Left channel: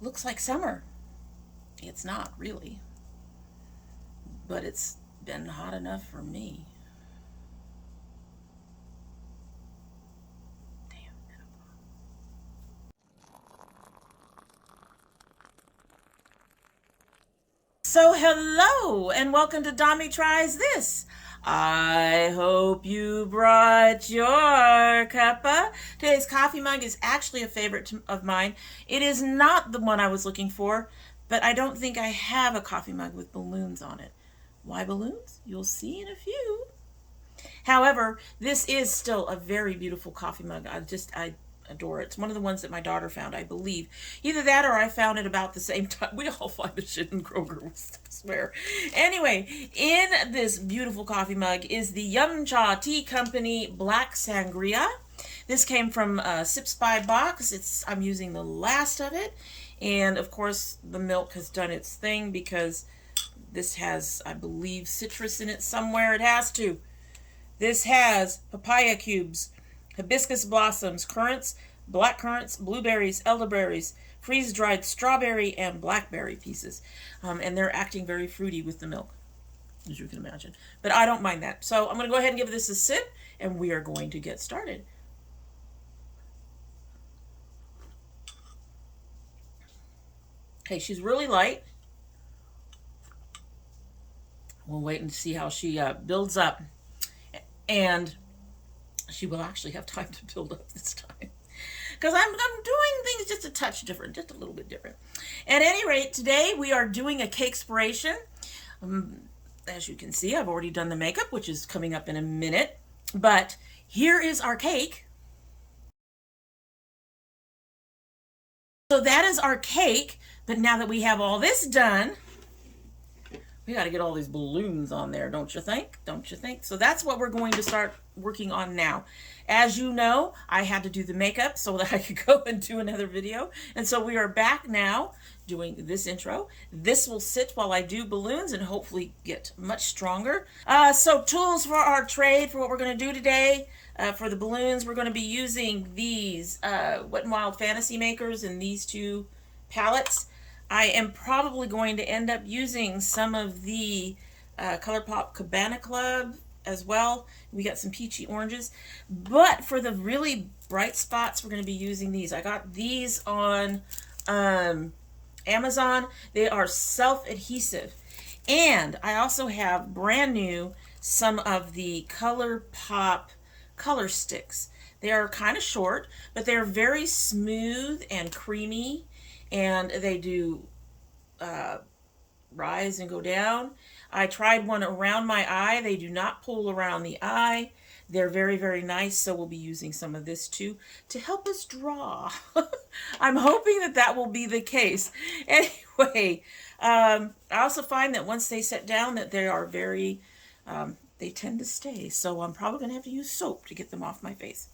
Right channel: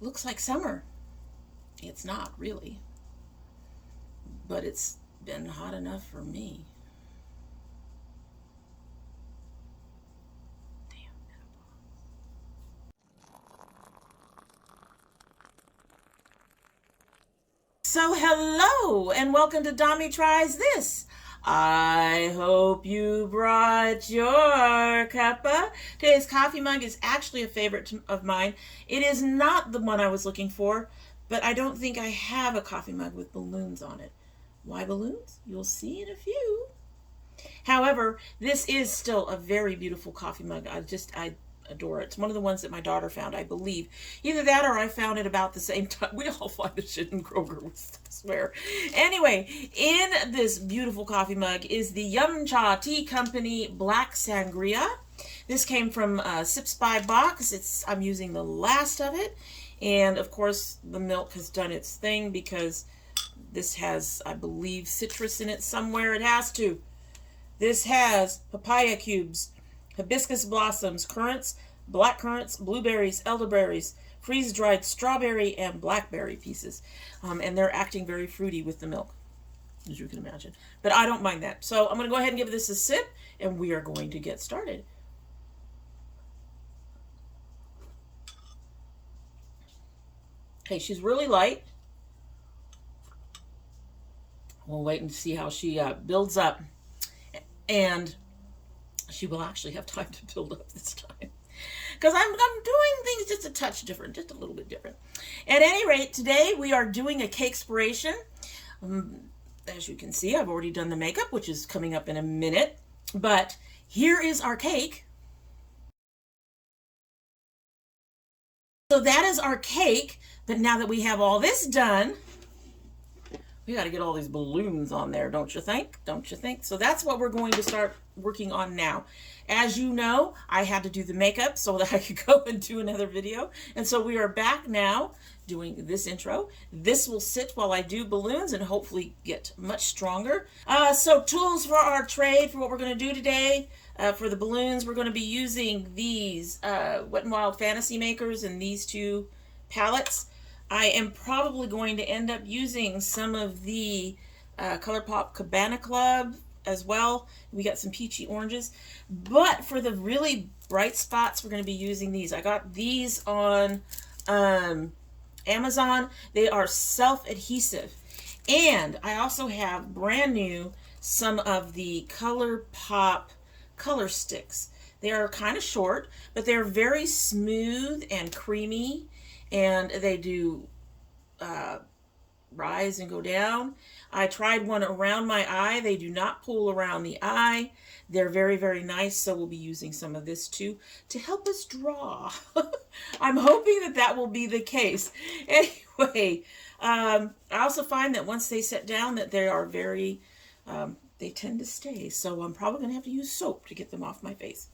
looks like summer. It's not really, but it's been hot enough for me. So hello and welcome to Demi Tries This. I hope you brought your cuppa. Today's coffee mug is actually a favorite of mine. It is not the one I was looking for, but I don't think I have a coffee mug with balloons on it. Why balloons? You'll see in a few. However, this is still a very beautiful coffee mug. I adore it. It's one of the ones that my daughter found, I believe. Either that or I found it about the same time. We all find the shit in Kroger, I swear. Anyway, in this beautiful coffee mug is the Yum Cha Tea Company Black Sangria. This came from Sips by Box. I'm using the last of it. And of course, the milk has done its thing because this has, I believe, citrus in it somewhere. It has to. This has papaya cubes, hibiscus blossoms, currants, black currants, blueberries, elderberries, freeze-dried strawberry, and blackberry pieces. And they're acting very fruity with the milk, as you can imagine. But I don't mind that. So I'm going to go ahead and give this a sip, and we are going to get started. Okay, she's really light. We'll wait and see how she builds up. And she will actually have time to build up this time. Because I'm doing things just a touch different, just a little bit different. At any rate, today we are doing a Cakespiration. As you can see, I've already done the makeup, which is coming up in a minute. But here is our cake. So that is our cake. But now that we have all this done, we got to get all these balloons on there, don't you think? Don't you think? So that's what we're going to start working on now. As you know, I had to do the makeup so that I could go and do another video. And so we are back now doing this intro. This will sit while I do balloons and hopefully get much stronger. So tools for our trade for what we're going to do today. For the balloons, we're going to be using these Wet n Wild Fantasy Makers and these two palettes. I am probably going to end up using some of the Colourpop Cabana Club as well. We got some peachy oranges. But for the really bright spots, we're going to be using these. I got these on Amazon. They are self-adhesive. And I also have brand new some of the Colourpop color sticks. They are kind of short, but they're very smooth and creamy. And they do rise and go down. I tried one around my eye. They do not pull around the eye. They're very, very nice. So we'll be using some of this too to help us draw. I'm hoping that that will be the case. Anyway, I also find that once they set down that they are very, they tend to stay. So I'm probably going to have to use soap to get them off my face.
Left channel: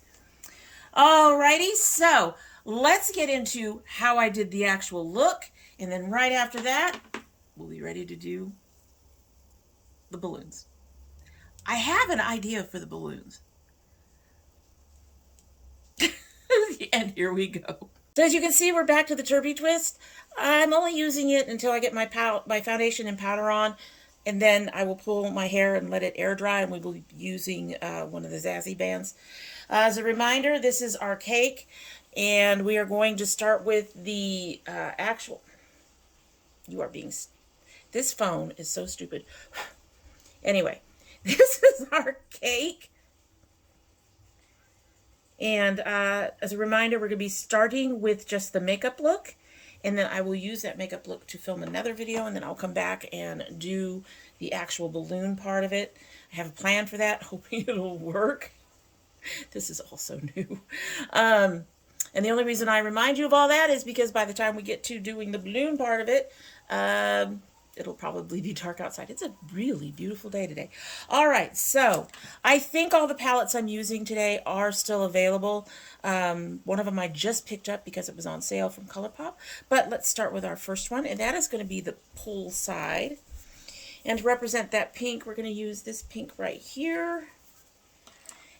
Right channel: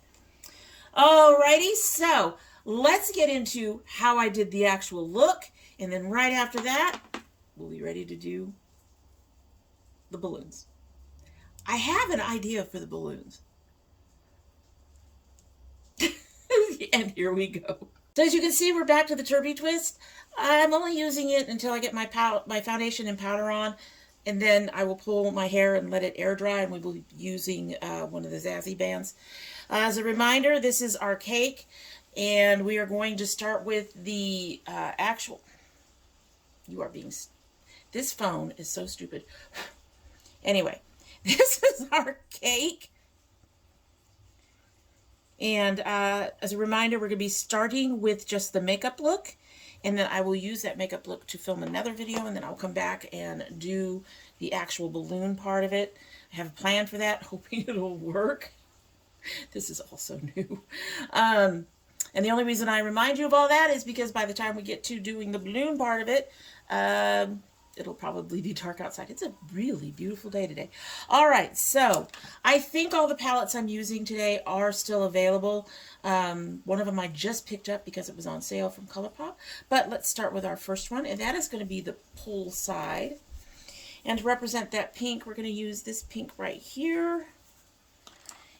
Alrighty, so let's get into how I did the actual look, and then right after that, we'll be ready to do the balloons. I have an idea for the balloons. And here we go. So as you can see, we're back to the Turby Twist. I'm only using it until I get my foundation and powder on, and then I will pull my hair and let it air dry, and we will be using one of the Zazzy bands. As a reminder, this is our cake. And we are going to start with the actual, this phone is so stupid. Anyway, this is our cake. And as a reminder, we're going to be starting with just the makeup look. And then I will use that makeup look to film another video. And then I'll come back and do the actual balloon part of it. I have a plan for that, hoping it'll work. This is also new. And the only reason I remind you of all that is because by the time we get to doing the balloon part of it, it'll probably be dark outside. It's a really beautiful day today. All right, so I think all the palettes I'm using today are still available. One of them I just picked up because it was on sale from Colourpop. But let's start with our first one, and that is going to be the Poolside. And to represent that pink, we're going to use this pink right here.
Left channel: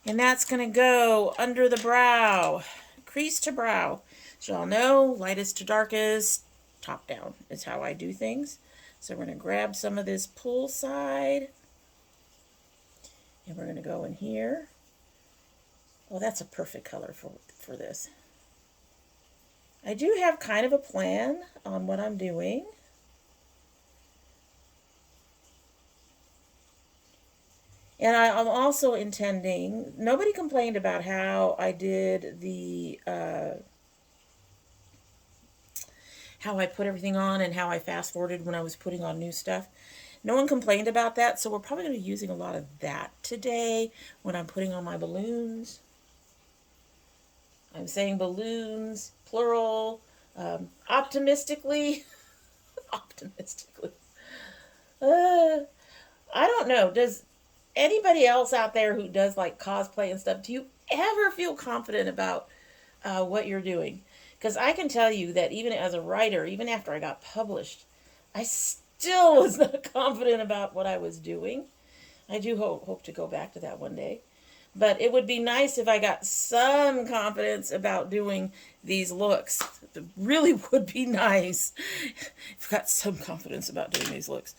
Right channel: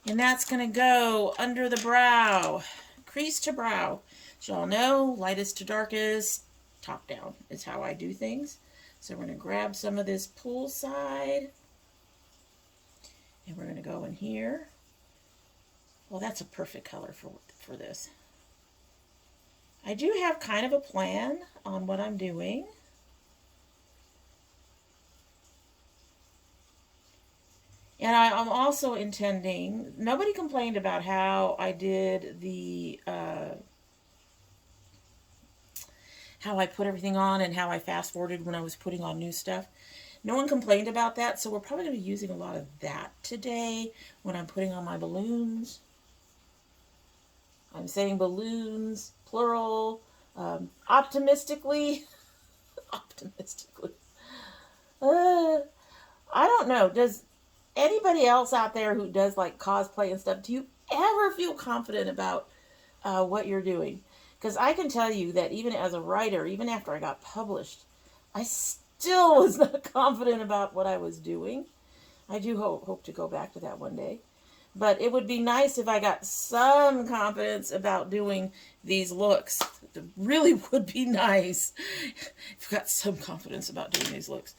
And that's going to go under the brow. Crease to brow. As y'all know, lightest to darkest, top down is how I do things. So we're going to grab some of this Poolside, and we're going to go in here. Well, that's a perfect color for this. I do have kind of a plan on what I'm doing. And I'm also intending, nobody complained about how I did the, how I put everything on and how I fast forwarded when I was putting on new stuff. No one complained about that, so we're probably going to be using a lot of that today when I'm putting on my balloons. I'm saying balloons, plural, optimistically. Optimistically. I don't know. Does anybody else out there who does like cosplay and stuff, do you ever feel confident about what you're doing? Because I can tell you that even as a writer, even after I got published, I still was not confident about what I was doing. I do hope to go back to that one day. But it would be nice if I got some confidence about doing these looks. It really would be nice if I got some confidence about doing these looks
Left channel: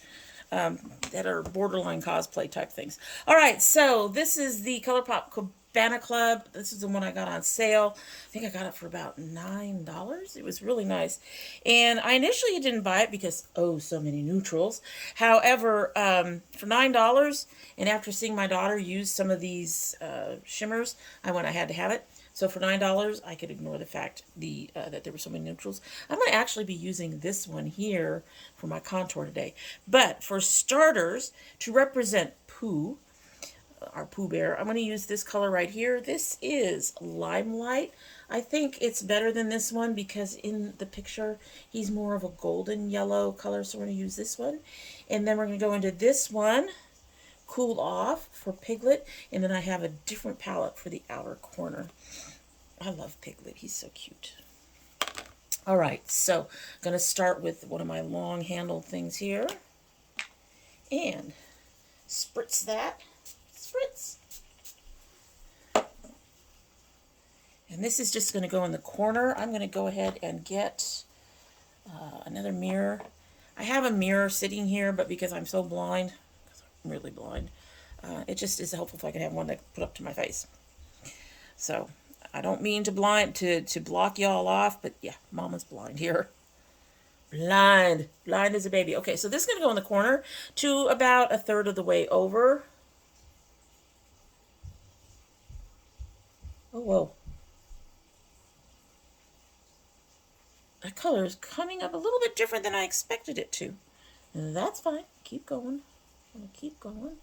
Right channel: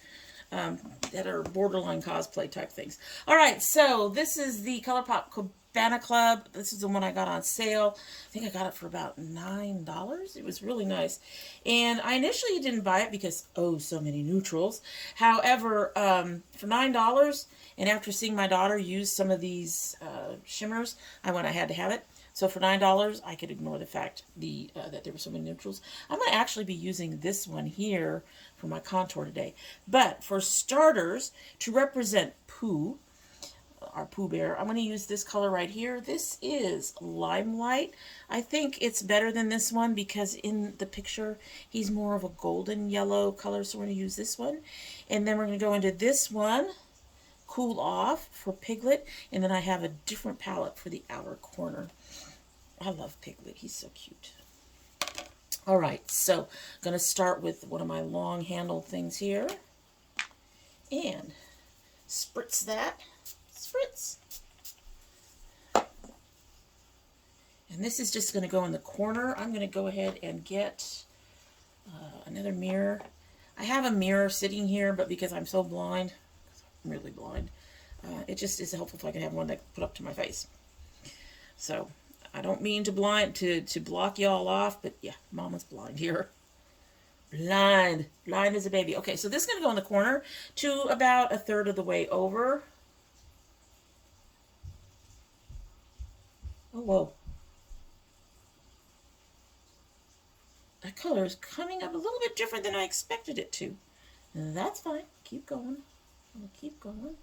that are borderline cosplay type things. All right, so this is the Colourpop Cabana Club. This is the one I got on sale. I think I got it for about $9. It was really nice. And I initially didn't buy it because, oh, so many neutrals. However, for $9, and after seeing my daughter use some of these shimmers, I had to have it. So for $9, I could ignore the fact that there were so many neutrals. I'm going to actually be using this one here for my contour today. But for starters, to represent Pooh, our Pooh Bear, I'm going to use this color right here. This is Limelight. I think it's better than this one because in the picture, he's more of a golden yellow color. So we're going to use this one. And then we're going to go into this one, Cool Off for Piglet. And then I have a different palette for the outer corner. I love Piglet. He's so cute. All right, so I'm going to start with one of my long-handled things here. And spritz that. Spritz. And this is just going to go in the corner. I'm going to go ahead and get another mirror. I have a mirror sitting here, but because I'm so blind, because I'm really blind, it just is helpful if I can have one that put up to my face. So I don't mean to block y'all off, but yeah, Mama's blind here. Blind as a baby. Okay, so this is going to go in the corner to about 1/3 of the way over. Oh, whoa. That color is coming up a little bit different than I expected it to. And that's fine. Keep going. I'm going to keep going.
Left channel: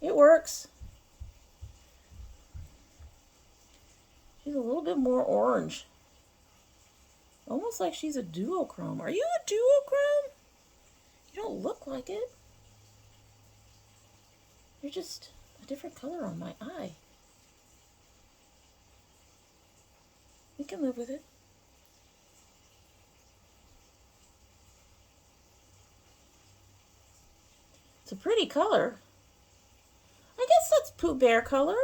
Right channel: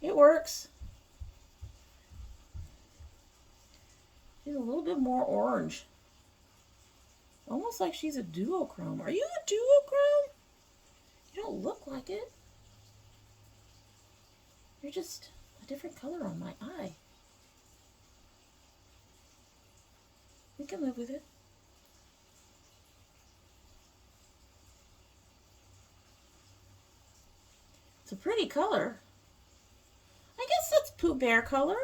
It works. She's a little bit more orange. Almost like she's a duochrome. Are you a duochrome? You don't look like it. You're just a different color on my eye. We can live with it. It's a pretty color. I guess that's Pooh Bear color.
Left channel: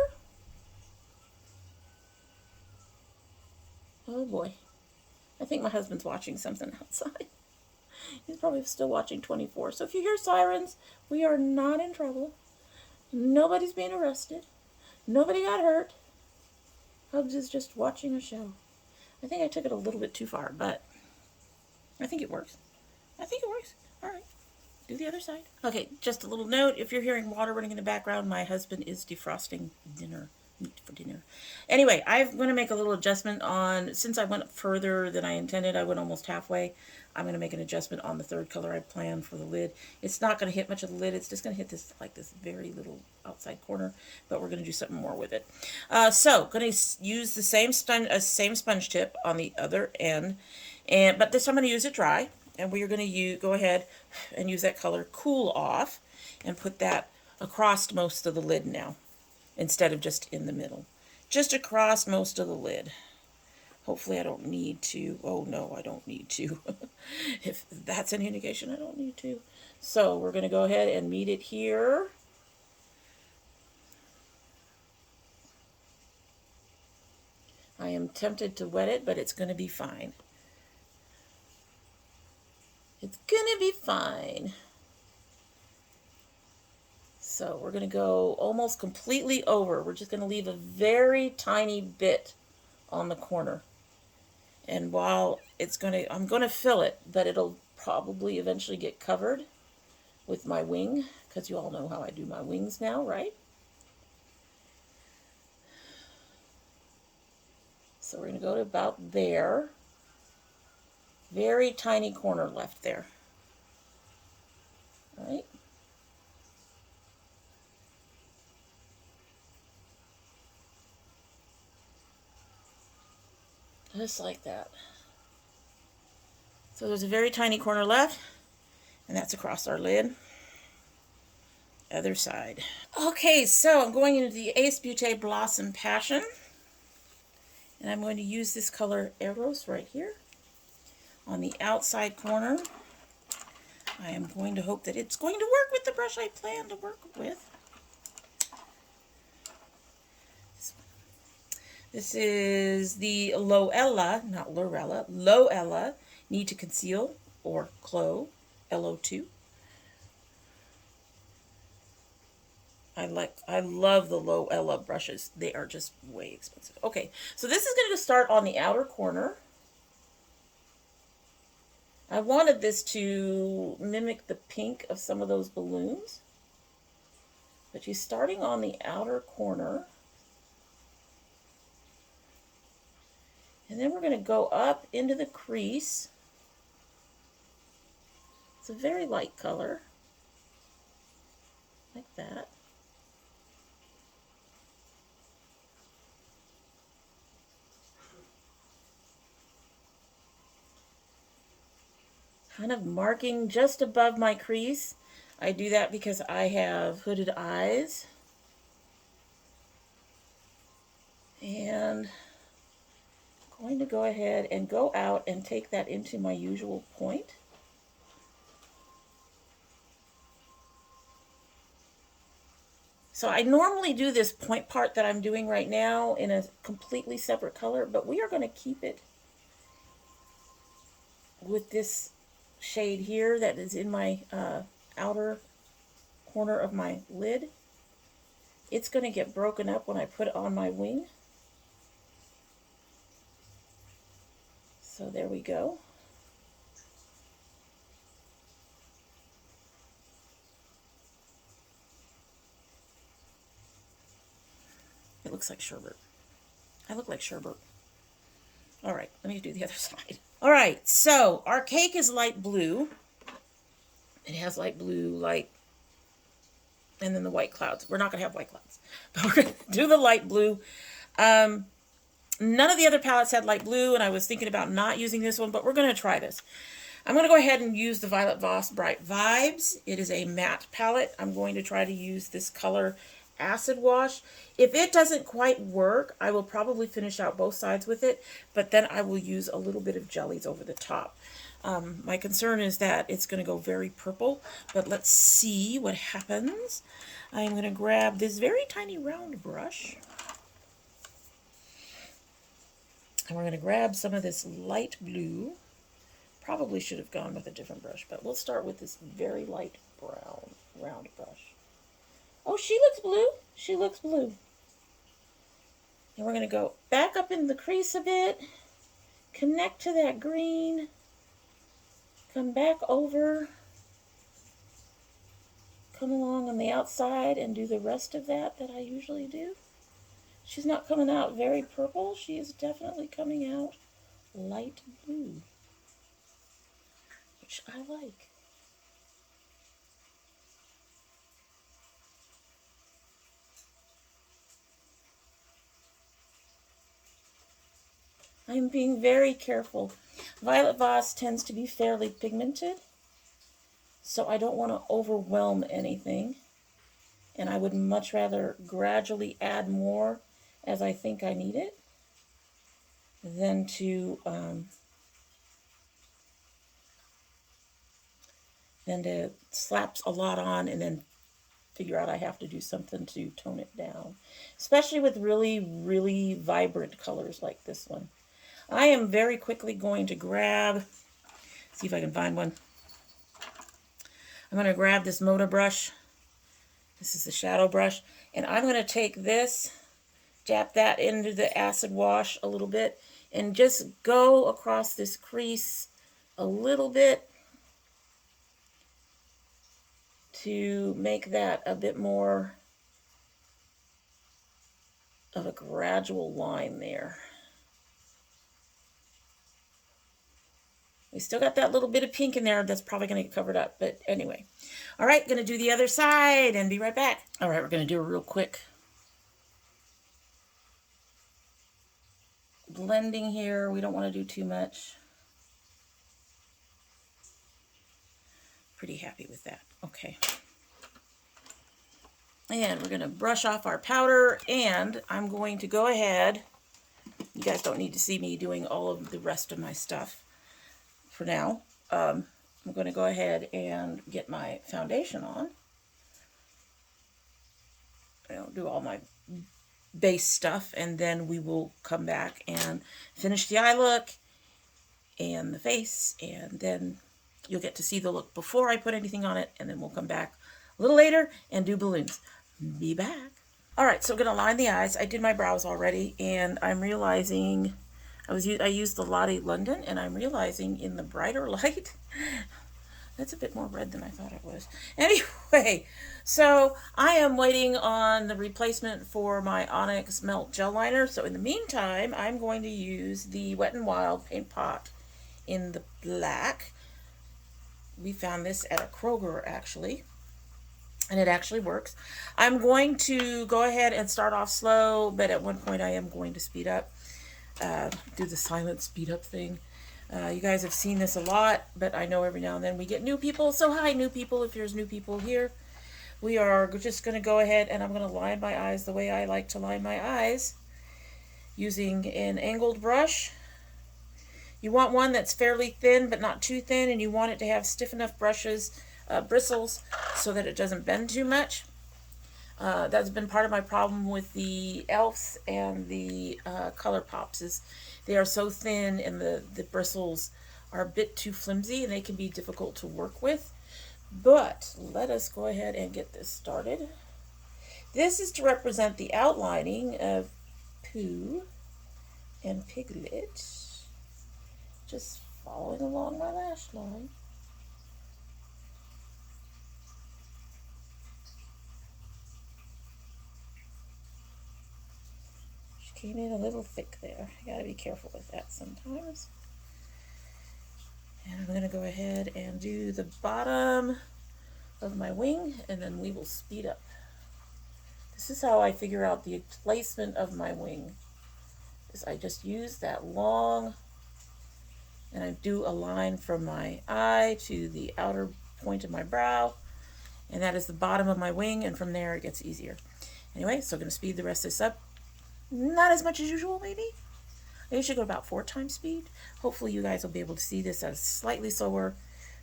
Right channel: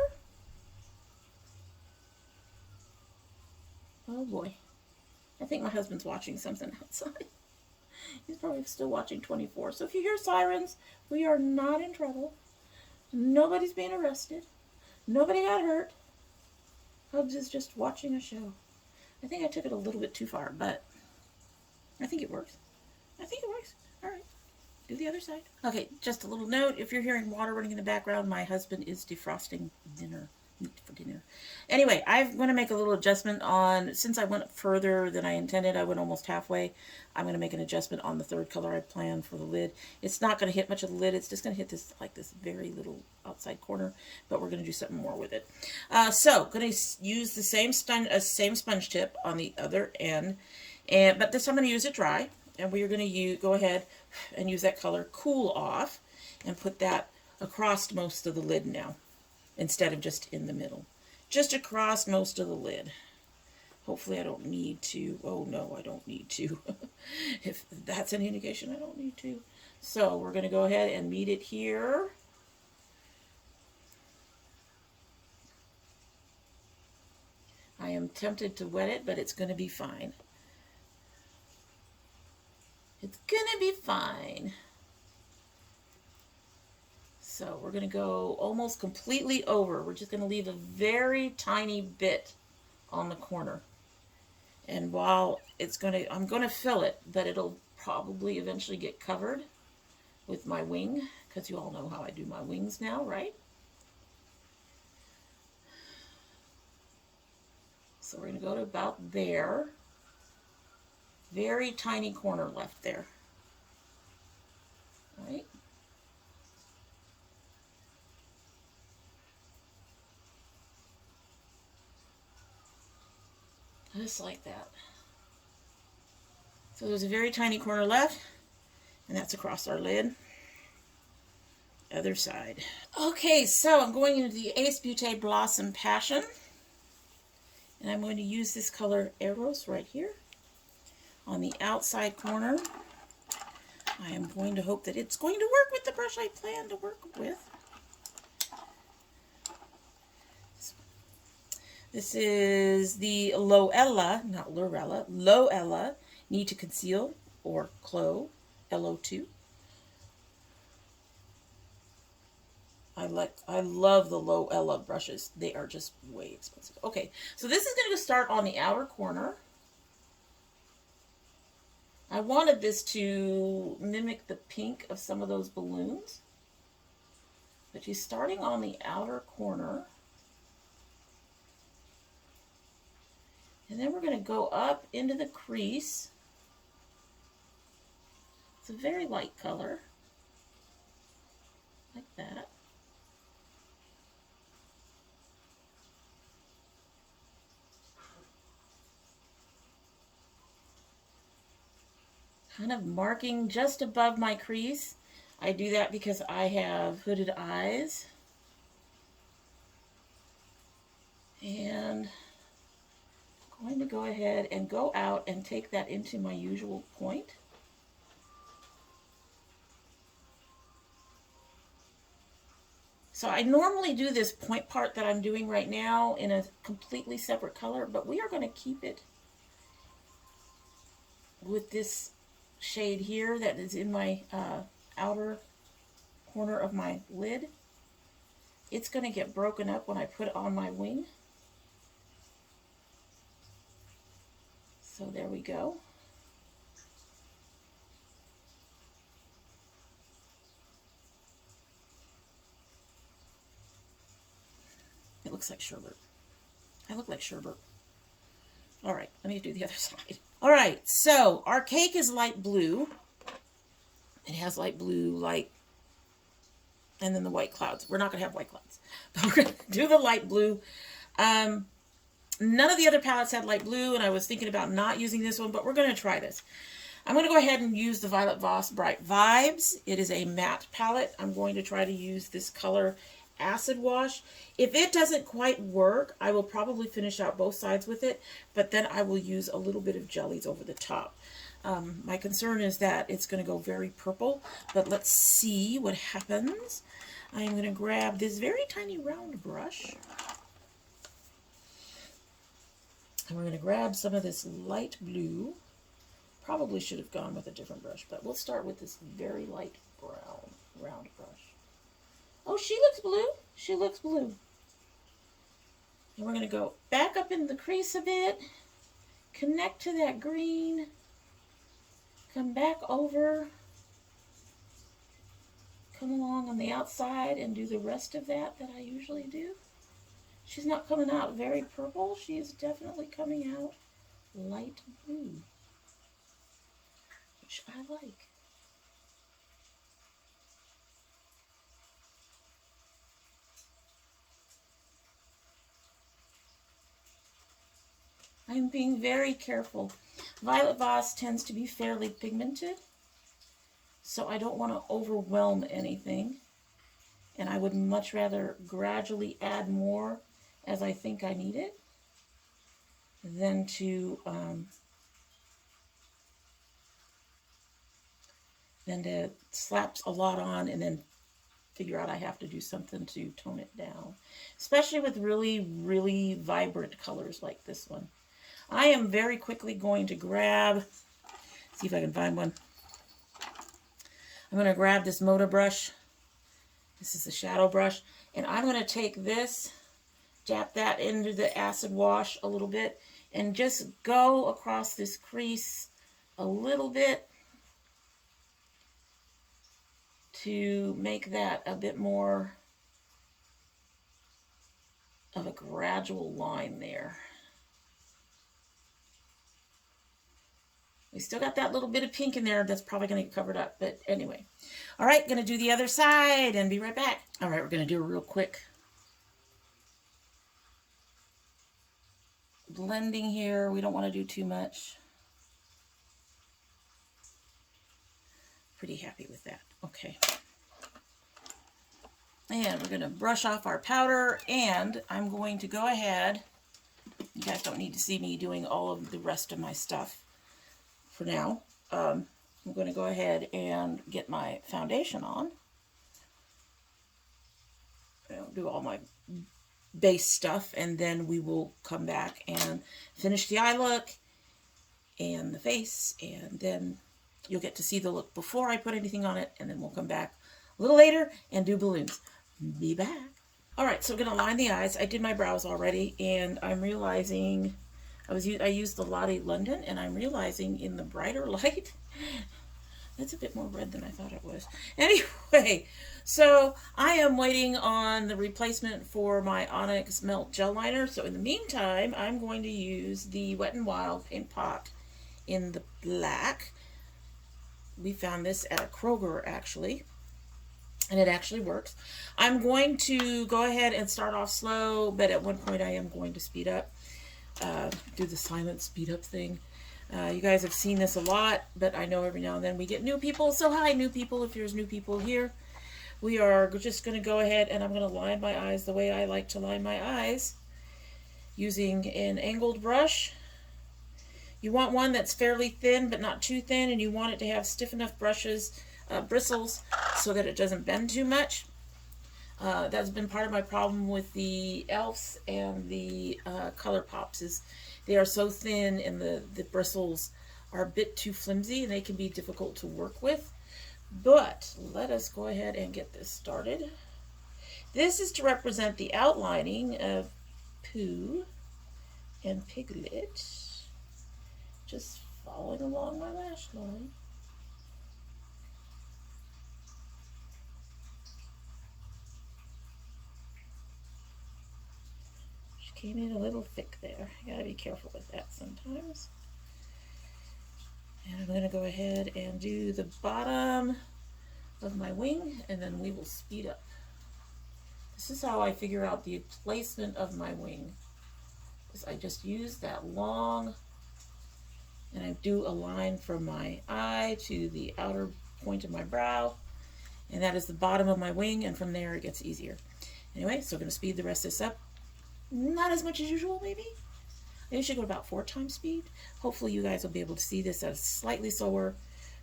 Oh boy. I think my husband's watching something outside. He's probably still watching 24. So if you hear sirens, we are not in trouble. Nobody's being arrested. Nobody got hurt. Hubs is just watching a show. I think I took it a little bit too far, but I think it works. I think it works. All right. Do the other side. Okay, just a little note. If you're hearing water running in the background, my husband is defrosting meat for dinner. Anyway, I'm going to make a little adjustment on, since I went further than I intended, I went almost halfway. I'm going to make an adjustment on the third color I planned for the lid. It's not going to hit much of the lid. It's just going to hit this, like this very little outside corner, but we're going to do something more with it. So, going to use the same sponge tip on the other end, but this time I'm going to use it dry. And we're going to go ahead and use that color Cool Off and put that across most of the lid now, instead of just in the middle. Just across most of the lid. Hopefully I don't need to. Oh no, I don't need to. If that's any indication, I don't need to. So we're going to go ahead and meet it here. I am tempted to wet it, but it's going to be fine. It's gonna be fine. So we're gonna go almost completely over. We're just gonna leave a very tiny bit on the corner. And while I'm gonna fill it, but it'll probably eventually get covered with my wing, because you all know how I do my wings now, right? So we're going to go to about there. Very tiny corner left there. All right. Just like that. So there's a very tiny corner left, and that's across our lid. Other side. Okay, so I'm going into the Ace Beaute Blossom Passion. And I'm going to use this color Eros right here on the outside corner. I am going to hope that it's going to work with the brush I plan to work with. This is the Loella, not Lorella, Loella Need to Conceal, or Clo, LO2. I love the Loella brushes. They are just way expensive. Okay, so this is going to start on the outer corner. I wanted this to mimic the pink of some of those balloons. But she's starting on the outer corner. And then we're going to go up into the crease. It's a very light color. Like that. Kind of marking just above my crease. I do that because I have hooded eyes. And I'm going to go ahead and go out and take that into my usual point. So I normally do this point part that I'm doing right now in a completely separate color, but we are going to keep it with this shade here that is in my outer corner of my lid. It's going to get broken up when I put it on my wing. So there we go. It looks like sherbet. I look like sherbet. All right, let me do the other side. All right, so our cake is light blue. It has light blue, light, and then the white clouds. We're not going to have white clouds, but we're going to do the light blue. None of the other palettes had light blue, and I was thinking about not using this one, but we're going to try this. I'm going to go ahead and use the Violet Voss Bright Vibes. It is a matte palette. I'm going to try to use this color Acid Wash. If it doesn't quite work, I will probably finish out both sides with it, but then I will use a little bit of jellies over the top. My concern is that it's going to go very purple, but let's see what happens. I'm going to grab this very tiny round brush, and we're going to grab some of this light blue. Probably should have gone with a different brush, but we'll start with this very light brown round brush. Oh, she looks blue. She looks blue. And we're going to go back up in the crease a bit, connect to that green, come back over, come along on the outside and do the rest of that I usually do. She's not coming out very purple. She is definitely coming out light blue, which I like. I'm being very careful. Violet Voss tends to be fairly pigmented, so I don't want to overwhelm anything. And I would much rather gradually add more as I think I need it than to slap a lot on and then figure out I have to do something to tone it down. Especially with really, really vibrant colors like this one. I am very quickly going to grab, see if I can find one. I'm going to grab this Moda brush. This is the shadow brush. And I'm going to take this, dap that into the acid wash a little bit, and just go across this crease a little bit to make that a bit more of a gradual line there. We still got that little bit of pink in there that's probably going to get covered up, but anyway. All right, going to do the other side and be right back. All right, we're going to do a real quick blending here. We don't want to do too much. Pretty happy with that. Okay. And we're going to brush off our powder, and I'm going to go ahead. You guys don't need to see me doing all of the rest of my stuff for now. I'm going to go ahead and get my foundation on. I'll do all my base stuff, and then we will come back and finish the eye look and the face, and then you'll get to see the look before I put anything on it, and then we'll come back a little later and do balloons. Be back. All right, so I'm going to line the eyes. I did my brows already, and I'm realizing I used the Lottie London, and I'm realizing in the brighter light, that's a bit more red than I thought it was. Anyway, so I am waiting on the replacement for my Onyx Melt Gel Liner. So in the meantime, I'm going to use the Wet n Wild Paint Pot in the black. We found this at a Kroger, actually, and it actually works. I'm going to go ahead and start off slow, but at one point I am going to speed up. Do the silent speed up thing. You guys have seen this a lot, but I know every now and then we get new people. So hi, new people, if there's new people here. We are just going to go ahead and I'm going to line my eyes the way I like to line my eyes, using an angled brush. You want one that's fairly thin, but not too thin, and you want it to have stiff enough bristles, so that it doesn't bend too much. That's been part of my problem with the Elves and the Colourpops, is they are so thin and the bristles are a bit too flimsy and they can be difficult to work with. But let us go ahead and get this started. This is to represent the outlining of Pooh and Piglet, just following along my lash line. Came in a little thick there. I gotta be careful with that sometimes. And I'm gonna go ahead and do the bottom of my wing, and then we will speed up. This is how I figure out the placement of my wing, is I just use that long, and I do a line from my eye to the outer point of my brow, and that is the bottom of my wing, and from there it gets easier. Anyway, so I'm gonna speed the rest of this up. Not as much as usual, maybe. I usually go about 4 times speed. Hopefully you guys will be able to see this as slightly slower,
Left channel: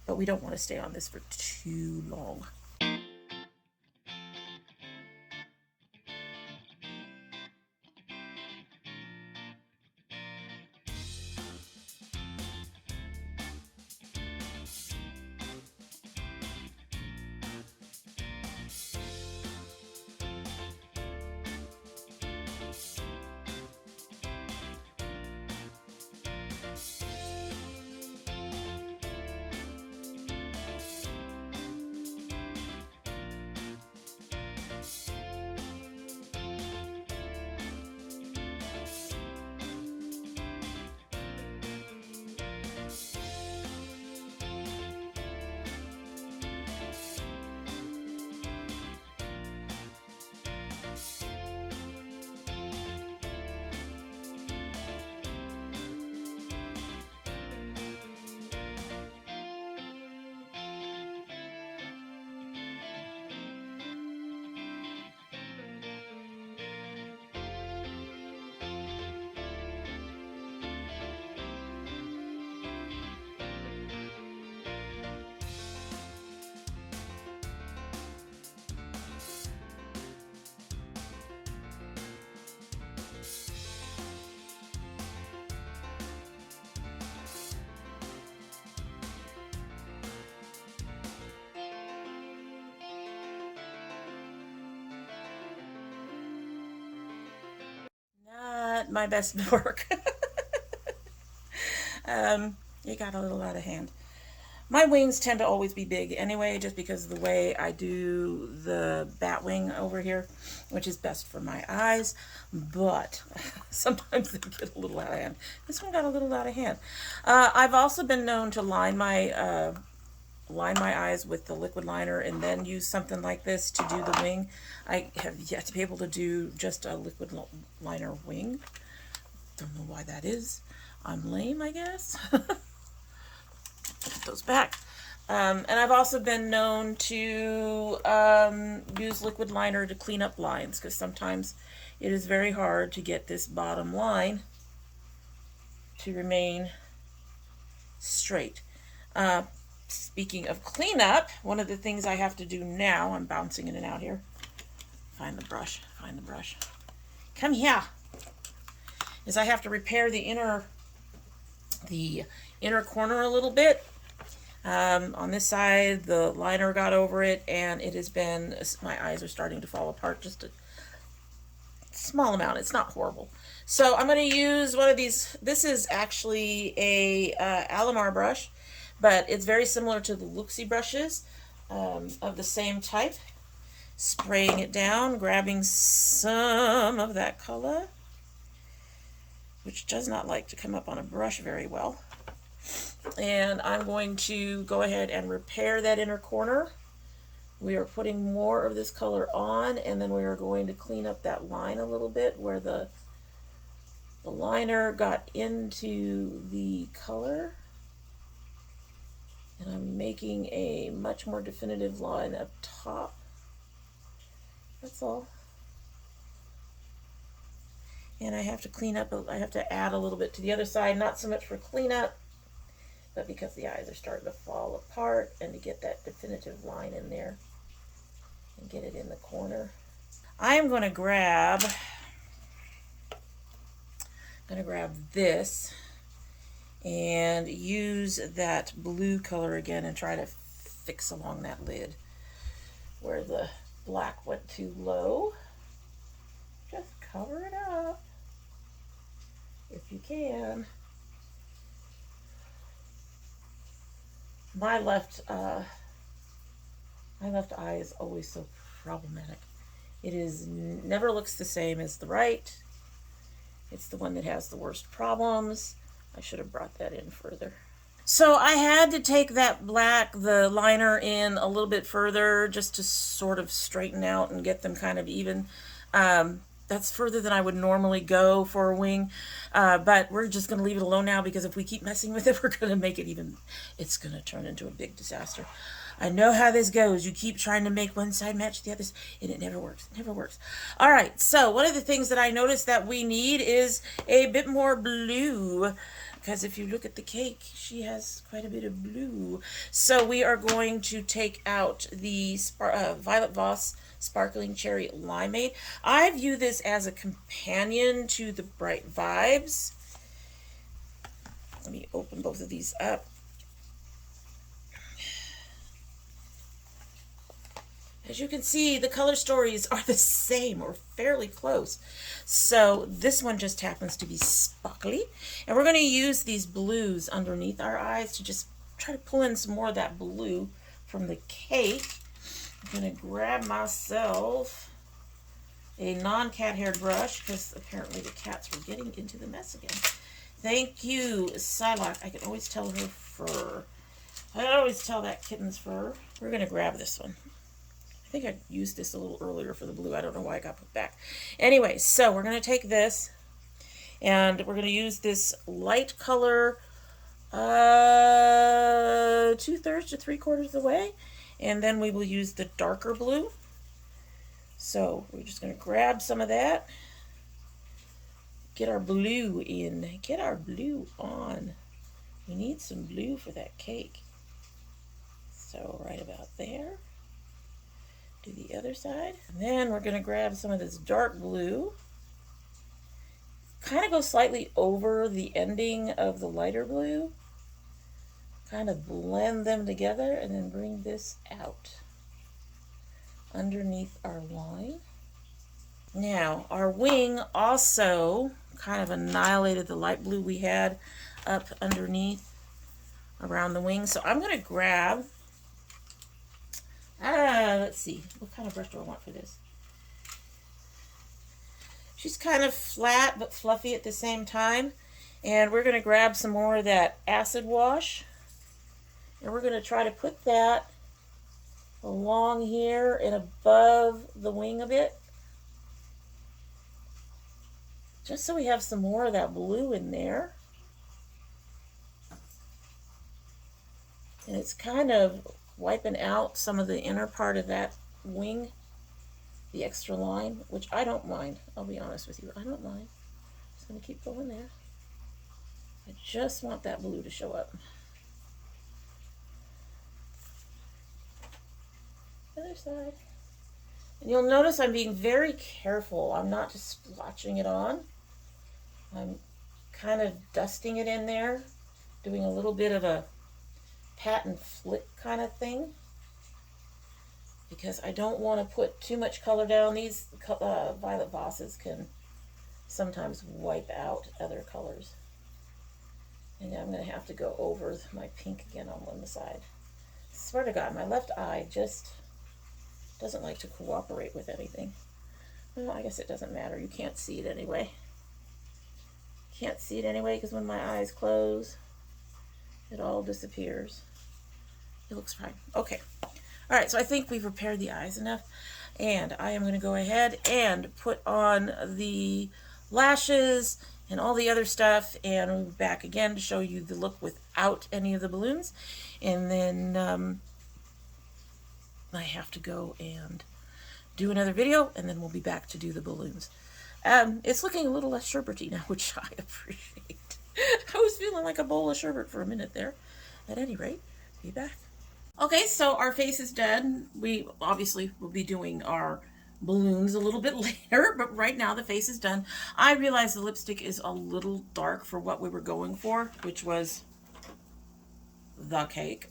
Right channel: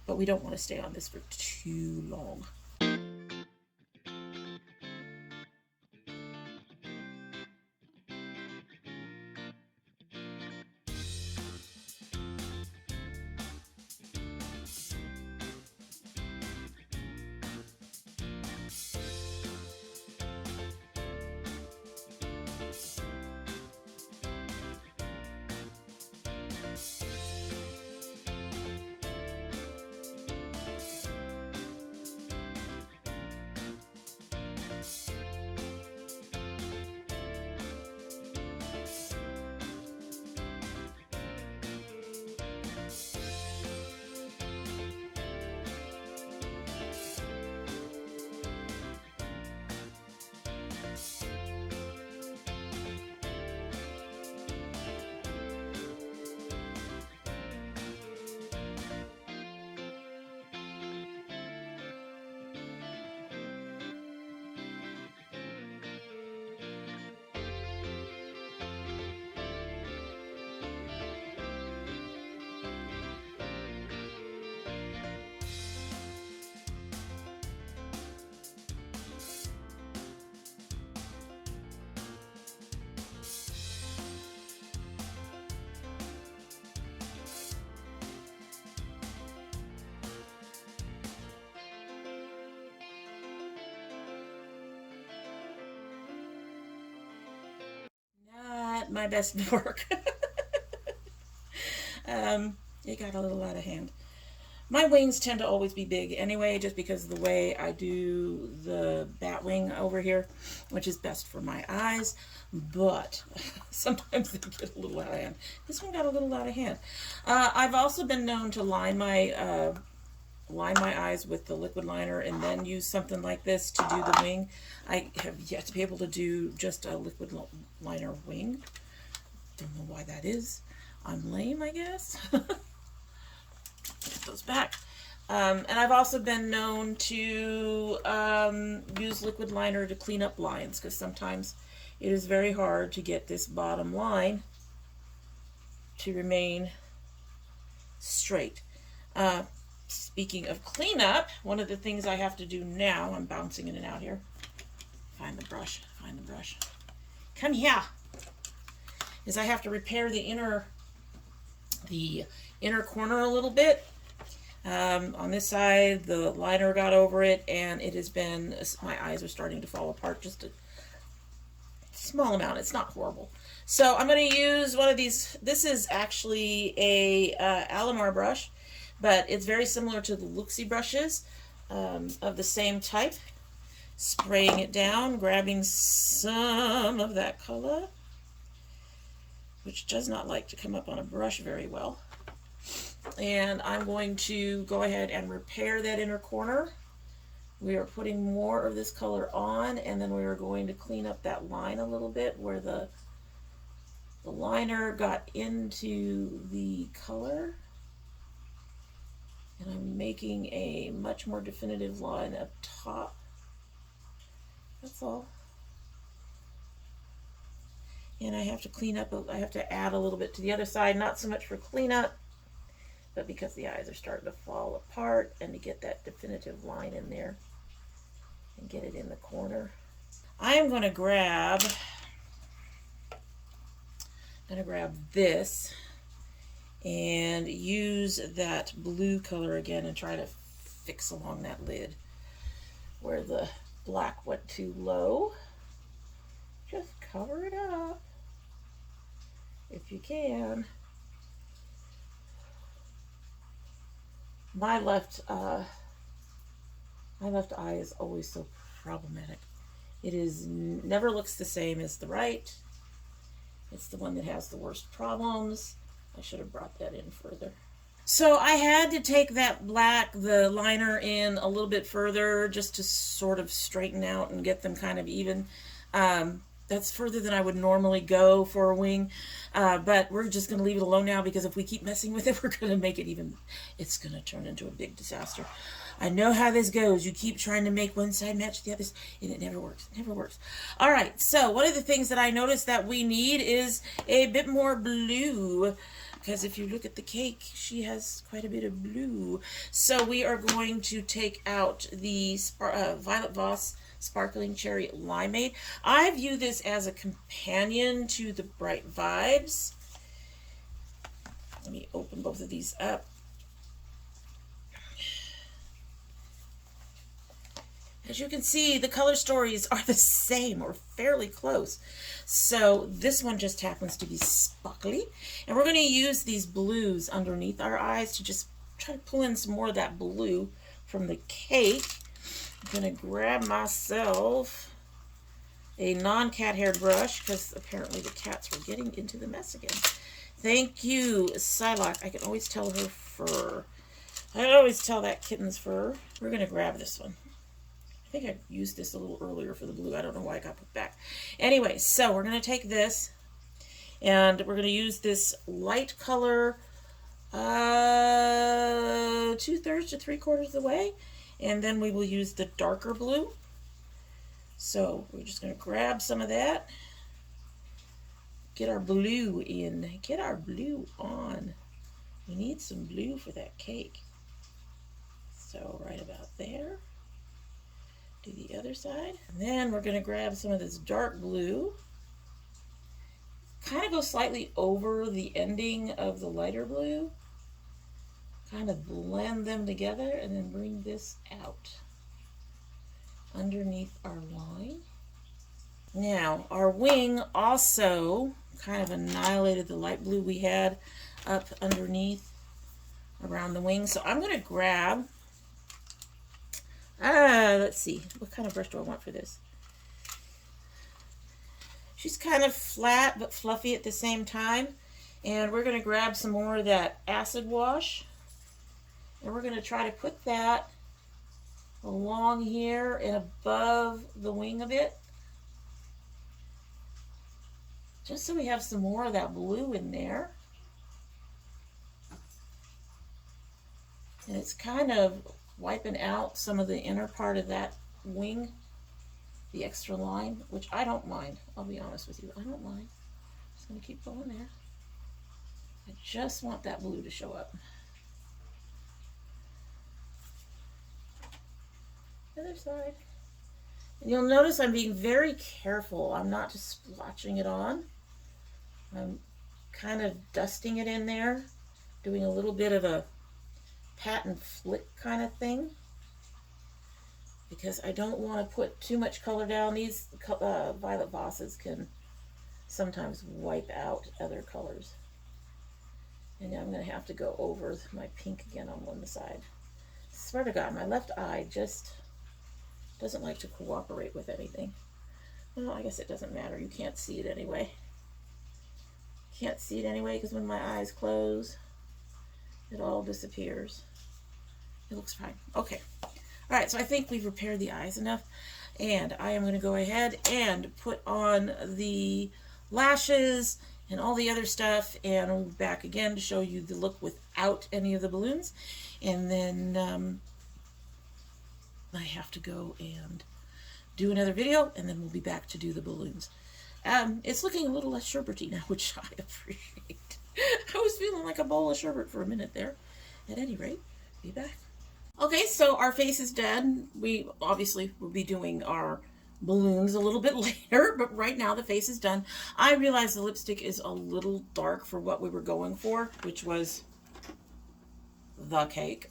but we don't want to stay on this for too long. my best work. It got a little out of hand. My wings tend to always be big anyway, just because of the way I do the bat wing over here, which is best for my eyes, but sometimes they get a little out of hand. This one got a little out of hand. I've also been known to line my eyes with the liquid liner and then use something like this to do the wing. I have yet to be able to do just a liquid liner wing. Don't know why that is. I'm lame, I guess. Put those back. And I've also been known to use liquid liner to clean up lines, because sometimes it is very hard to get this bottom line to remain straight. Speaking of cleanup, one of the things I have to do now, I'm bouncing in and out here. Find the brush, find the brush. Come here. Is I have to repair the inner corner a little bit. On this side, the liner got over it, and it has been, my eyes are starting to fall apart, just a small amount. It's not horrible. So I'm going to use one of these. This is actually a Alamar brush, but it's very similar to the Luxie brushes of the same type. Spraying it down, grabbing some of that color, which does not like to come up on a brush very well. And I'm going to go ahead and repair that inner corner. We are putting more of this color on, and then we are going to clean up that line a little bit where the liner got into the color. And I'm making a much more definitive line up top. That's all. And I have to clean up, I have to add a little bit to the other side, not so much for cleanup, but because the eyes are starting to fall apart, and to get that definitive line in there and get it in the corner. I'm going to grab this and use that blue color again and try to fix along that lid where the black went too low. Just cover it up if you can. My left eye is always so problematic. It is never looks the same as the right. It's the one that has the worst problems. I should have brought that in further. So I had to take that the liner in a little bit further just to sort of straighten out and get them kind of even. That's further than I would normally go for a wing, but we're just going to leave it alone now, because if we keep messing with it, we're going to make it even, it's going to turn into a big disaster. I know how this goes. You keep trying to make one side match the other, and it never works. It never works. All right, so one of the things that I noticed that we need is a bit more blue, because if you look at the cake, she has quite a bit of blue. So we are going to take out the Violet Voss Sparkling Cherry Limeade. I view this as a companion to the Bright Vibes. Let me open both of these up. As you can see, the color stories are the same or fairly close. So this one just happens to be sparkly. And we're going to use these blues underneath our eyes to just try to pull in some more of that blue from the cake. I'm going to grab myself a non-cat haired brush, because apparently the cats were getting into the mess again. Thank you, Psylocke. I can always tell her fur. I always tell that kitten's fur. We're going to grab this one. I think I used this a little earlier for the blue. I don't know why it got put back. Anyway, so we're going to take this, and we're going to use this light color 2/3 to 3/4 of the way. And then we will use the darker blue. So we're just going to grab some of that. Get our blue in. Get our blue on. We need some blue for that cake. So right about there. Do the other side. And then we're going to grab some of this dark blue. Kind of go slightly over the ending of the lighter blue. Kind of blend them together, and then bring this out underneath our line. Now, our wing also kind of annihilated the light blue we had up underneath around the wing. So I'm going to grab, let's see, what kind of brush do I want for this? She's kind of flat but fluffy at the same time. And we're going to grab some more of that acid wash. And we're going to try to put that along here and above the wing a bit. Just so we have some more of that blue in there. And it's kind of wiping out some of the inner part of that wing, the extra line, which I don't mind. I'll be honest with you, I don't mind. I'm just going to keep going there. I just want that blue to show up. Other side. And you'll notice I'm being very careful. I'm not just splotching it on. I'm kind of dusting it in there, doing a little bit of a pat and flick kind of thing, because I don't want to put too much color down. These violet Vosses can sometimes wipe out other colors. And I'm going to have to go over my pink again on one side. Swear to God, my left eye just doesn't like to cooperate with anything. Well, I guess it doesn't matter. You can't see it anyway. Can't see it anyway because when my eyes close, it all disappears. It looks fine. Okay. All right, so I think we've repaired the eyes enough. And I am going to go ahead and put on the lashes and all the other stuff. And I'll be back again to show you the look without any of the balloons. And then I have to go and do another video, and then we'll be back to do the balloons. It's looking a little less sherbety now, which I appreciate. I was feeling like a bowl of sherbet for a minute there. At any rate, be back. Okay, so our face is done. We obviously will be doing our balloons a little bit later, but right now the face is done. I realized the lipstick is a little dark for what we were going for, which was the cake.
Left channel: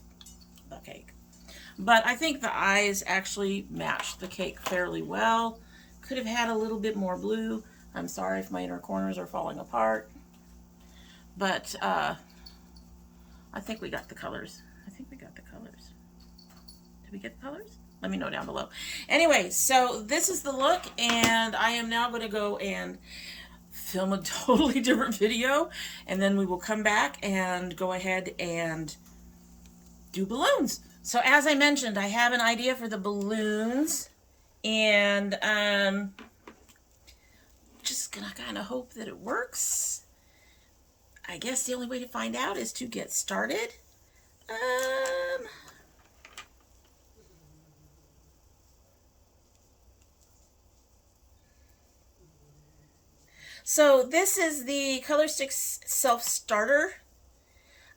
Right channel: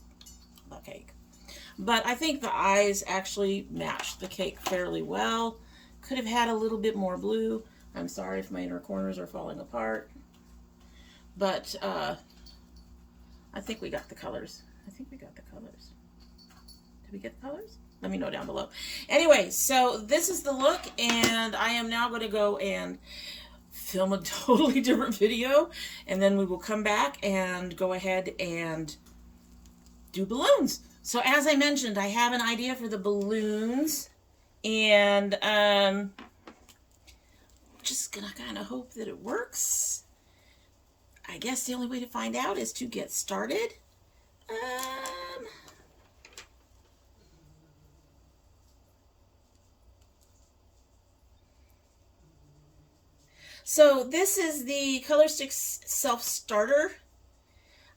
But I think the eyes actually matched the cake fairly well. Could have had a little bit more blue. I'm sorry if my inner corners are falling apart. But I think we got the colors. Did we get the colors? Let me know down below. Anyway, so this is the look, and I am now going to go and film a totally different video, and then we will come back and go ahead and do balloons. So as I mentioned, I have an idea for the balloons, and just gonna kind of hope that it works. I guess the only way to find out is to get started. So this is the Color Sticks Self Starter.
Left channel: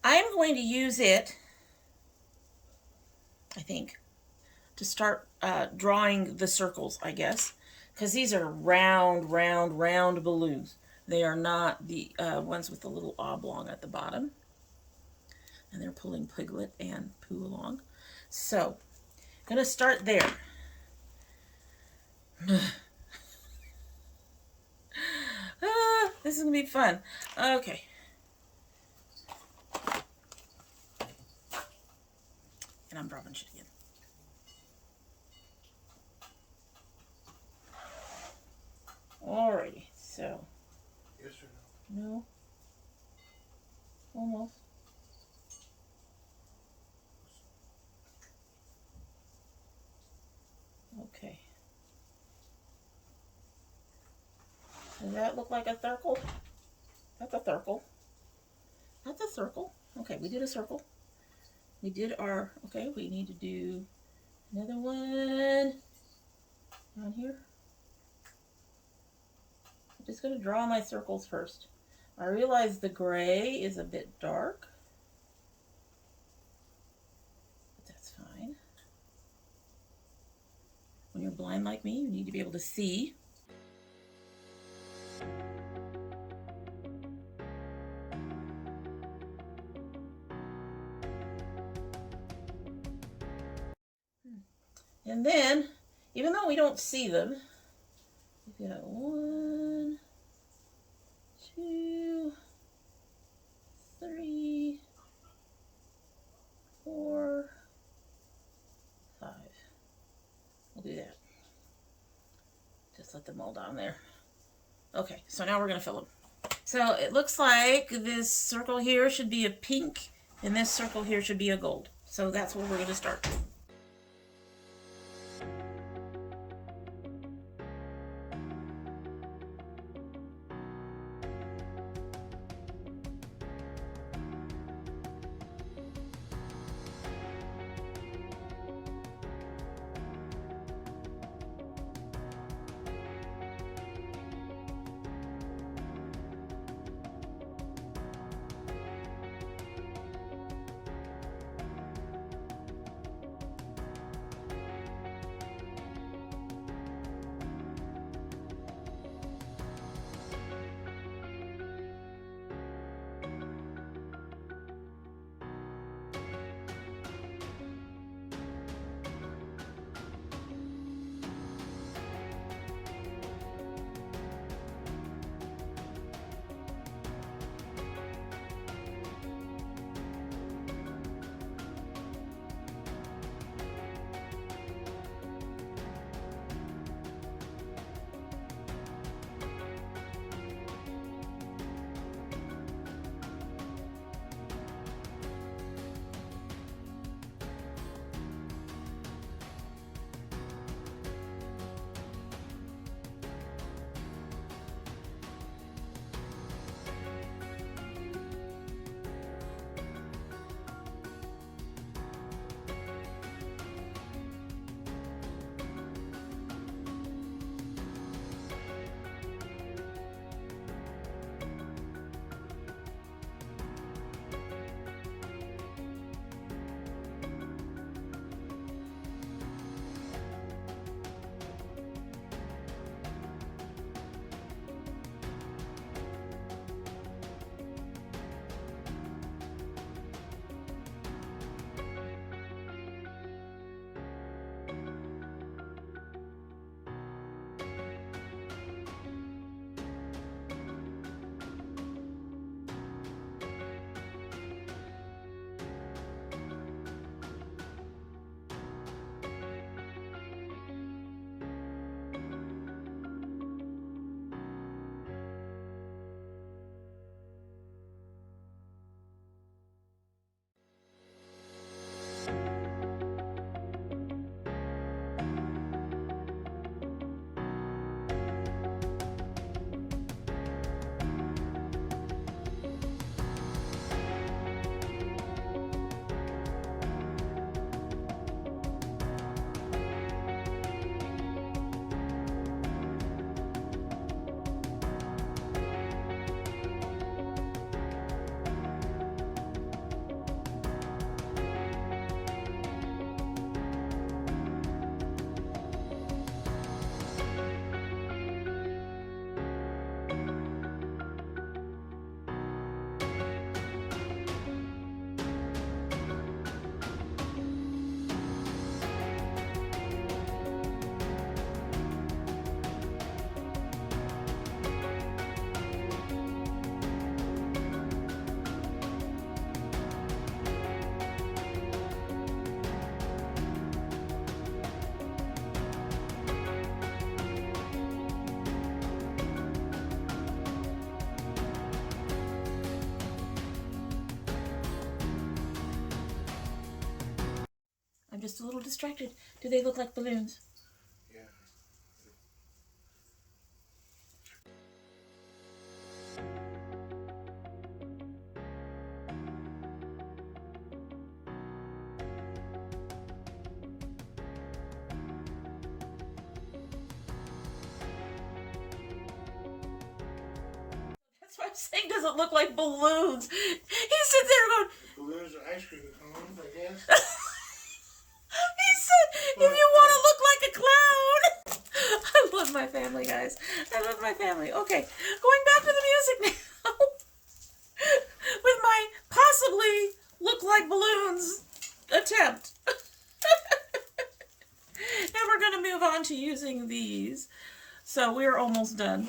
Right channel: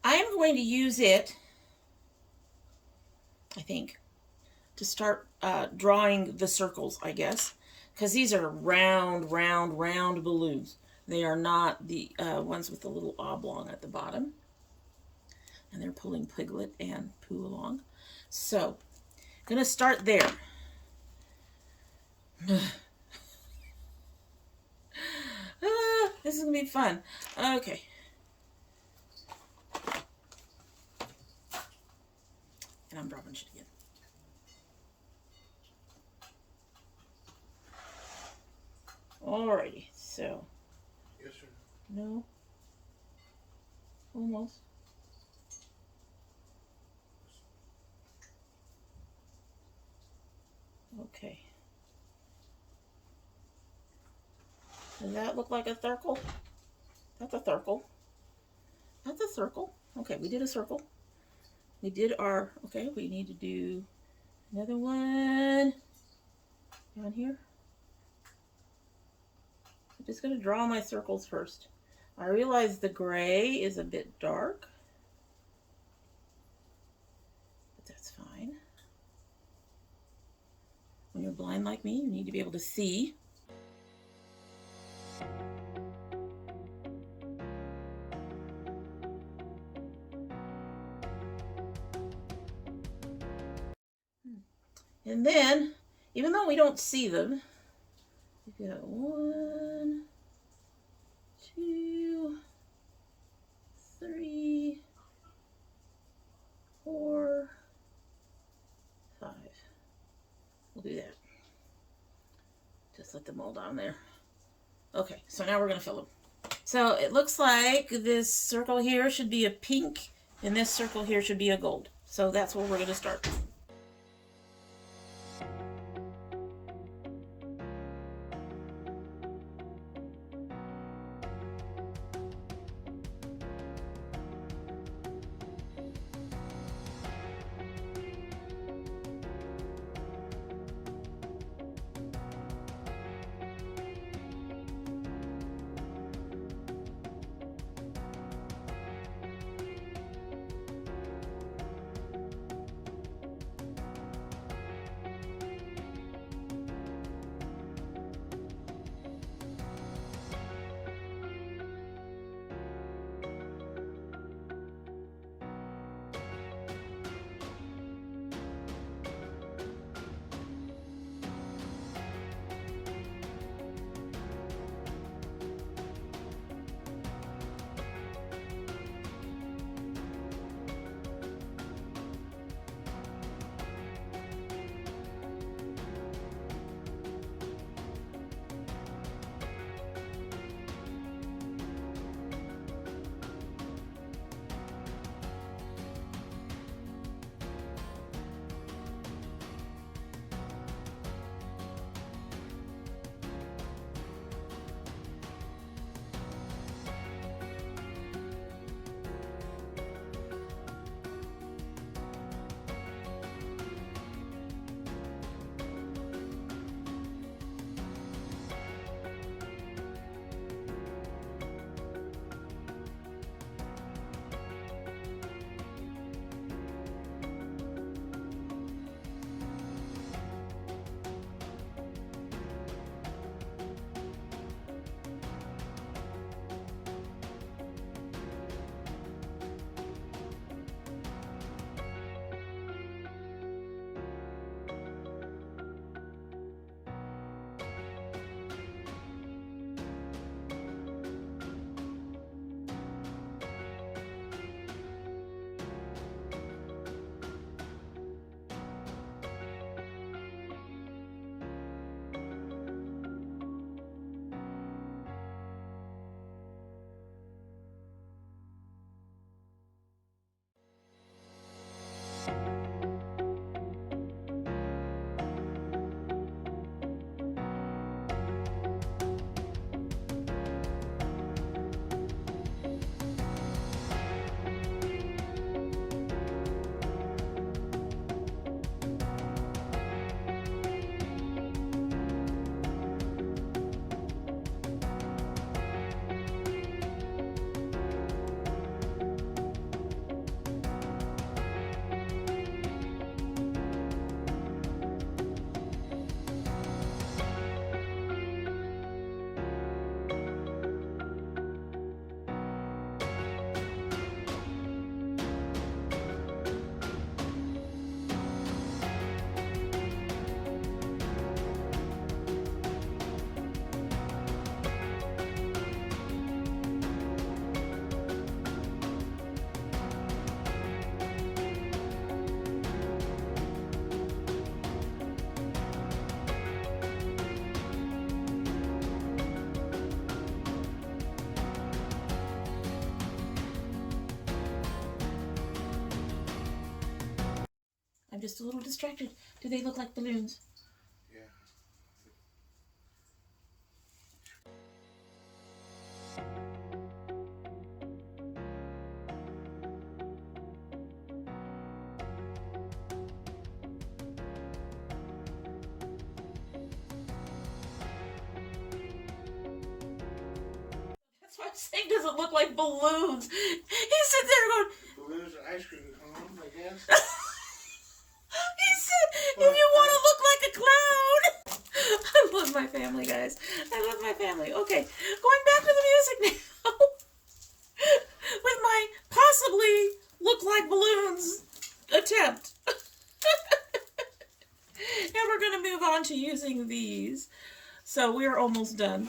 I am going to use it, I think, to start drawing the circles, I guess, because these are round balloons. They are not the ones with the little oblong at the bottom, and they're pulling Piglet and Pooh along. So I'm gonna start there. This is gonna be fun. Okay. And I'm dropping shit again. Alrighty, so. Yes or no? No. Almost. Okay. Does that look like a circle? That's a circle. That's a circle. Okay, we did a circle. We did our, okay, we need to do another one down here. I'm just going to draw my circles first. I realize the gray is a bit dark, but that's fine. When you're blind like me, you need to be able to see. And then, even though we don't see them, We've got 1, 2, 3, 4, 5. We'll do that. Just let them all down there. Okay, so now we're going to fill them. So it looks like this circle here should be a pink, and this circle here should be a gold. So that's where we're going to start. Just a little distracted. Do they look like balloons? Yeah. That's why I'm saying, does it look like balloons? He sits there going, Balloons and ice cream come home, I guess. He said, if you want to look like a clown. I love my family, guys. I love my family. Okay, going back to the music now. With my possibly look like balloons attempt. And we're going to move on to using these. So we're almost done.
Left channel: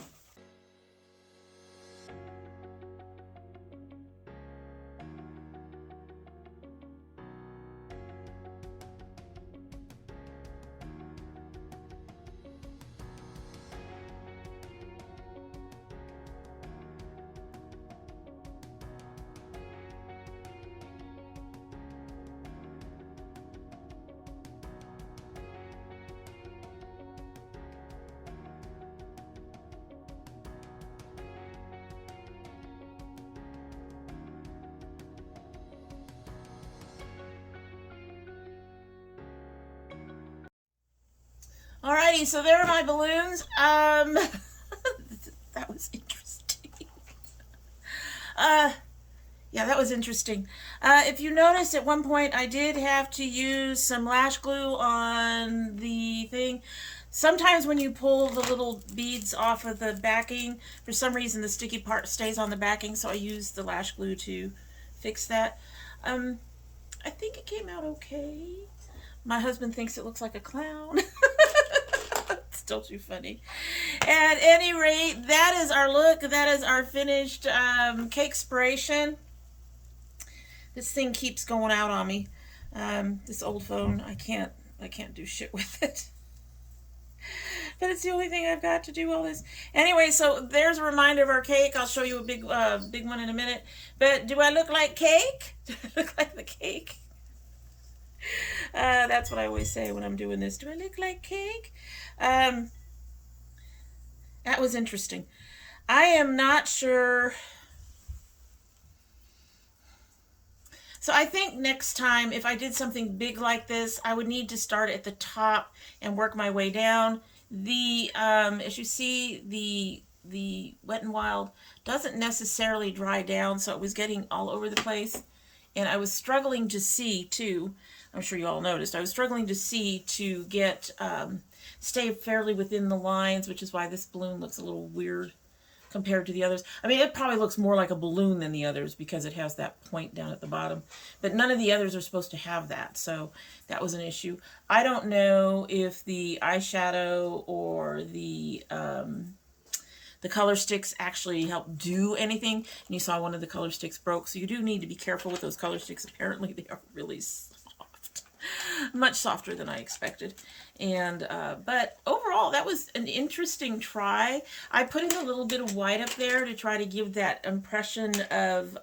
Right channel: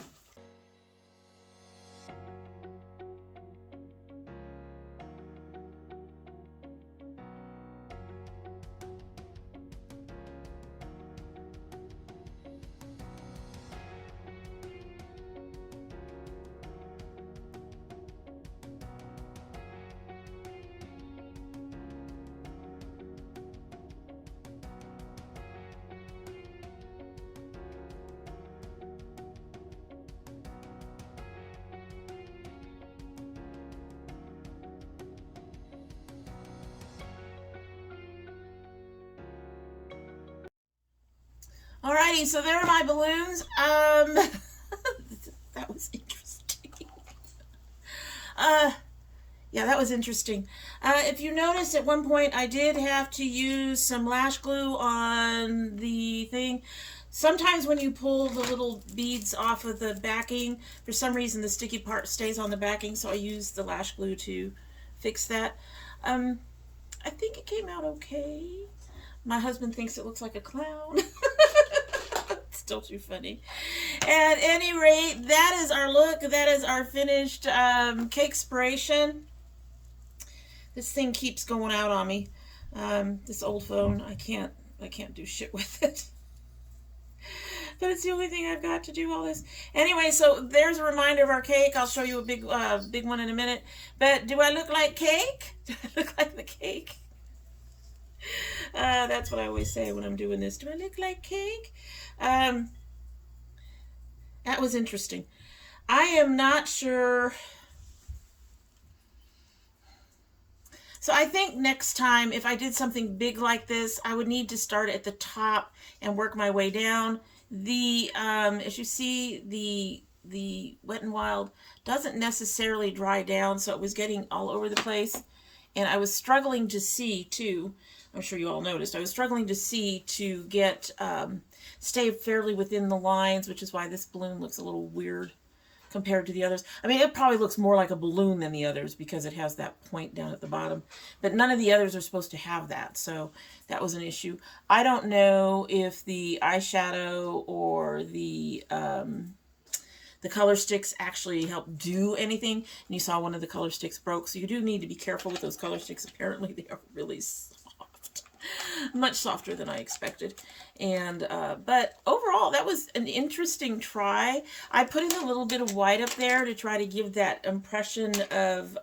Alrighty, so there are my balloons. That was interesting. Yeah, that was interesting. If you noticed, at one point I did have to use some lash glue on the thing. Sometimes when you pull the little beads off of the backing, for some reason the sticky part stays on the backing, so I used the lash glue to fix that. I think it came out okay. My husband thinks it looks like a clown. Still too funny. At any rate, that is our look. That is our finished Cakespiration. This thing keeps going out on me. This old phone, I can't do shit with it. But it's the only thing I've got to do all this. Anyway, so there's a reminder of our cake. I'll show you a big one in a minute. But do I look like cake? Do I look like the cake? That's what I always say when I'm doing this. Do I look like cake? That was interesting. I am not sure. So I think next time, if I did something big like this, I would need to start at the top and work my way down. As you see, the Wet n Wild doesn't necessarily dry down, so it was getting all over the place. And I was struggling to see, too. I'm sure you all noticed. I was struggling to see to get, stay fairly within the lines, which is why this balloon looks a little weird compared to the others. I mean, it probably looks more like a balloon than the others because it has that point down at the bottom. But none of the others are supposed to have that, so that was an issue. I don't know if the eyeshadow or the color sticks actually help do anything. And you saw one of the color sticks broke, so you do need to be careful with those color sticks. Apparently, they are really soft. Much softer than I expected. And but overall, that was an interesting try. I put in a little bit of white up there to try to give that impression of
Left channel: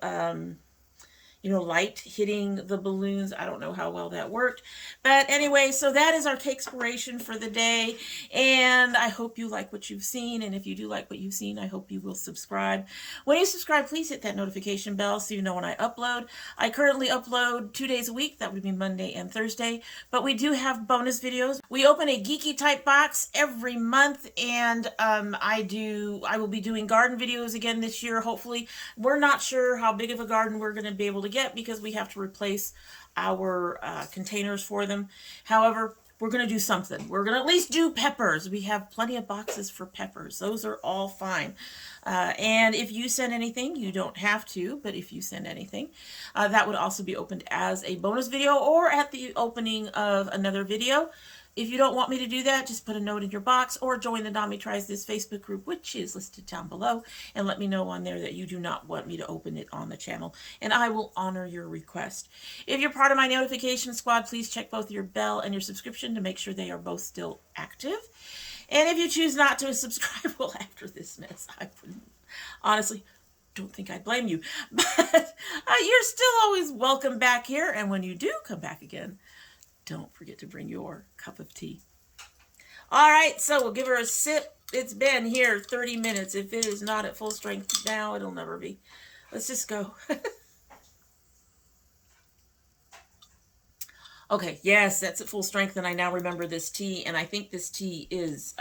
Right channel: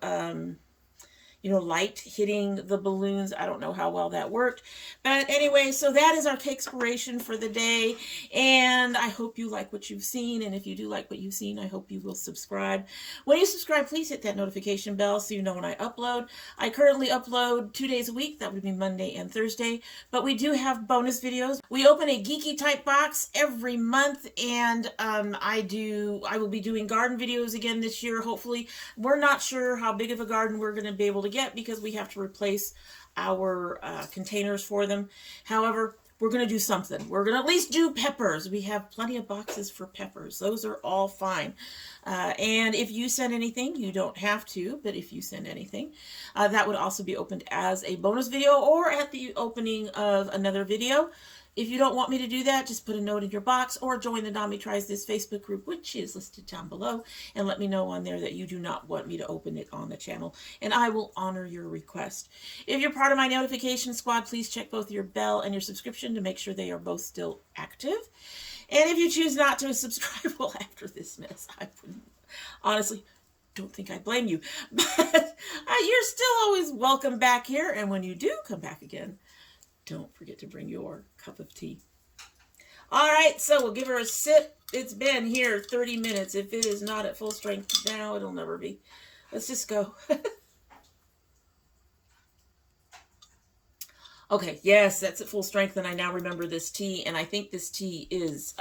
light hitting the balloons. I don't know how well that worked. But anyway, so that is our Cakespiration for the day. And I hope you like what you've seen. And if you do like what you've seen, I hope you will subscribe. When you subscribe, please hit that notification bell so you know when I upload. I currently upload 2 days a week. That would be Monday and Thursday. But we do have bonus videos. We open a geeky type box every month. And I will be doing garden videos again this year, hopefully. We're not sure how big of a garden we're going to be able to get because we have to replace our containers for them. However, we're going to do something. We're going to at least do peppers. We have plenty of boxes for peppers. Those are all fine. And if you send anything, you don't have to, but if you send anything, that would also be opened as a bonus video or at the opening of another video. If you don't want me to do that, just put a note in your box or join the Demi Tries This Facebook group, which is listed down below, and let me know on there that you do not want me to open it on the channel, and I will honor your request. If you're part of my notification squad, please check both your bell and your subscription to make sure they are both still active. And if you choose not to subscribe, well, after this mess, I honestly don't think I blame you, but you're still always welcome back here, and when you do come back again, don't forget to bring your cup of tea. All right, so we'll give her a sip. It's been here 30 minutes. If it is not at full strength now, it'll never be. Let's just go. Okay, yes, that's at full strength, and I now remember this tea, and I think this tea is,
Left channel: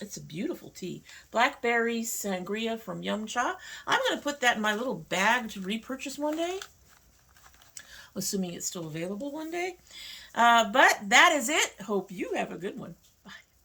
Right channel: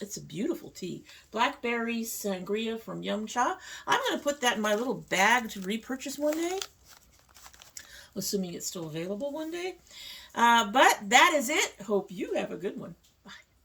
it's a beautiful tea. Blackberry Sangria from Yum Cha. I'm going to put that in my little bag to repurchase one day, assuming it's still available one day. But that is it. Hope you have a good one.